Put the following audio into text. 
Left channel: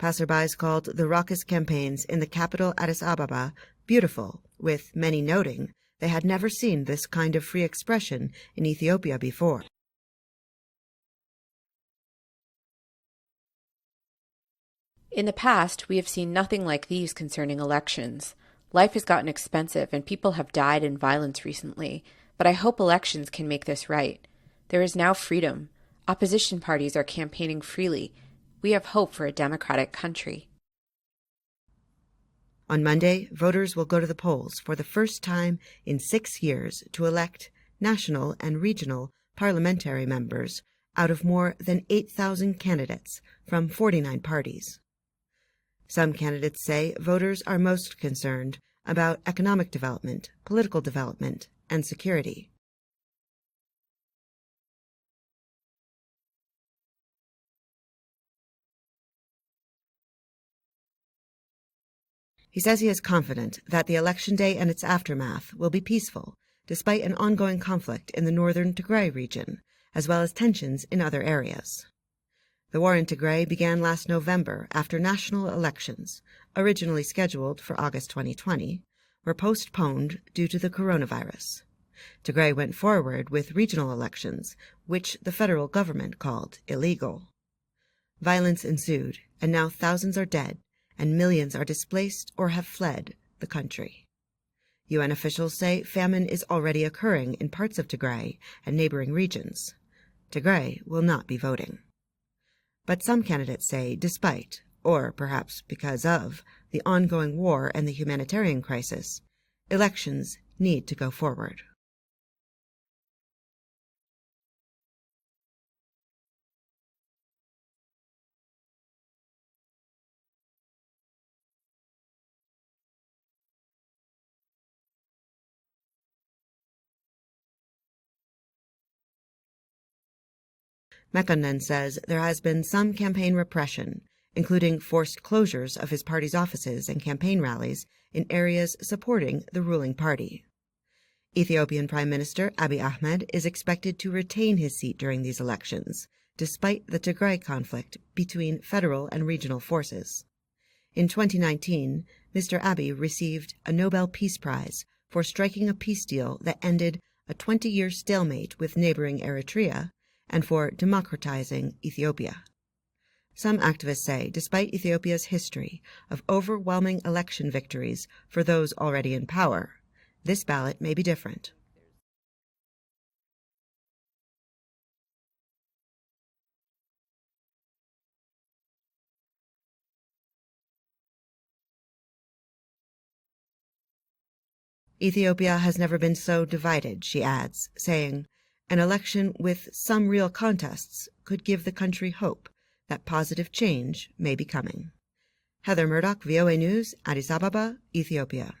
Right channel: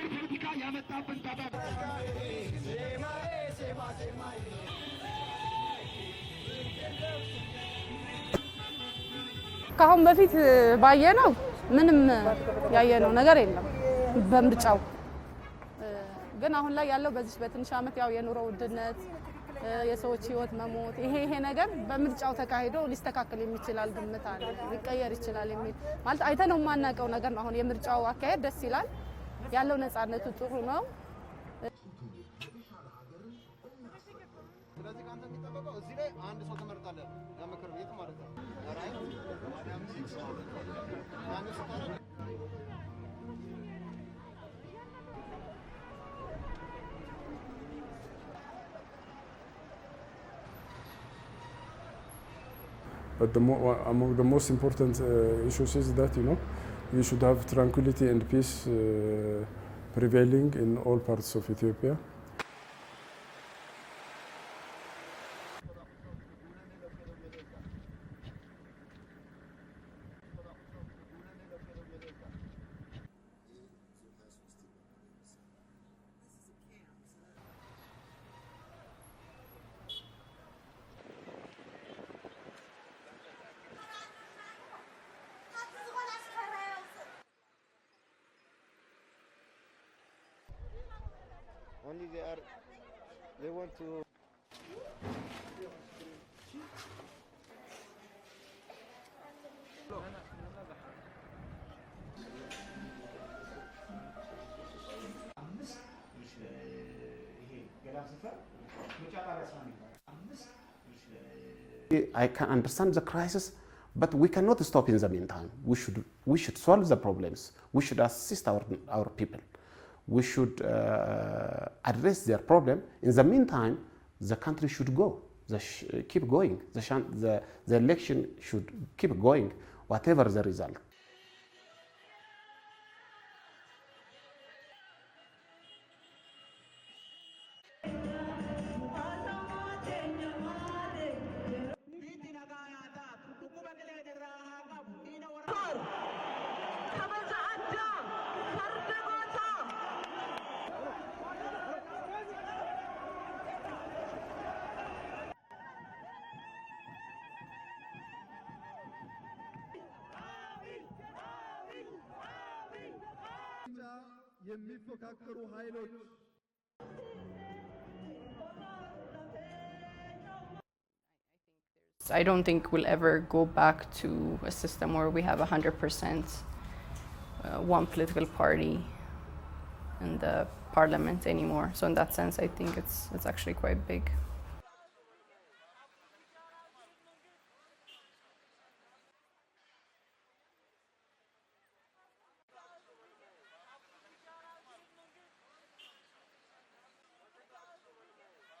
Passerbys called the raucous campaigns in the capital Addis Ababa beautiful, with many noting they had never seen this kind of free expression in Ethiopia before. In the past, we have seen nothing like these concerning elections. Life has gotten expensive and people have died in violence recently, but I hope elections can make this right. There is now freedom. Opposition parties are campaigning freely. We have hope for a democratic country. On Monday, voters will go to the polls for the first time in 6 years to elect national and regional parliamentary members out of more than 8,000 candidates from 49 parties. Some candidates say voters are most concerned about economic development, political development, and security. But among the most important issues is that, you should have tranquility and peace prevailing in all parts of Ethiopia. He says he is confident that the election day and its aftermath will be peaceful, despite an ongoing conflict in the northern Tigray region, as well as tensions in other areas. The war in Tigray began last November after national elections, originally scheduled for August 2020, were postponed due to the coronavirus. Tigray went forward with regional elections, which the federal government called illegal. Violence ensued, and now thousands are dead, and millions are displaced or have fled the country. UN officials say famine is already occurring in parts of Tigray and neighboring regions. Tigray will not be voting. But some candidates say despite, or perhaps because of, the ongoing war and the humanitarian crisis, elections need to go forward. I can understand the crisis, but we cannot stop in the meantime. We should solve the problems. We should assist our people. We should address their problem. In the meantime, the country should go, keep going. The election should keep going, whatever the result. Mekonnen says there has been some campaign repression, including forced closures of his party's offices and campaign rallies in areas supporting the ruling party. Ethiopian Prime Minister Abiy Ahmed is expected to retain his seat during these elections, despite the Tigray conflict between federal and regional forces. In 2019, Mr. Abiy received a Nobel Peace Prize for striking a peace deal that ended a 20-year stalemate with neighboring Eritrea and for democratizing Ethiopia. Some activists say, despite Ethiopia's history of overwhelming election victories for those already in power, this ballot may be different. I don't think we'll ever go back to a system where we have 100% one political party in the parliament anymore. So in that sense, I think it's actually quite big. Ethiopia has never been so divided, she adds, saying, an election with some real contests could give the country hope that positive change may be coming. Heather Murdock, VOA News, Addis Ababa, Ethiopia.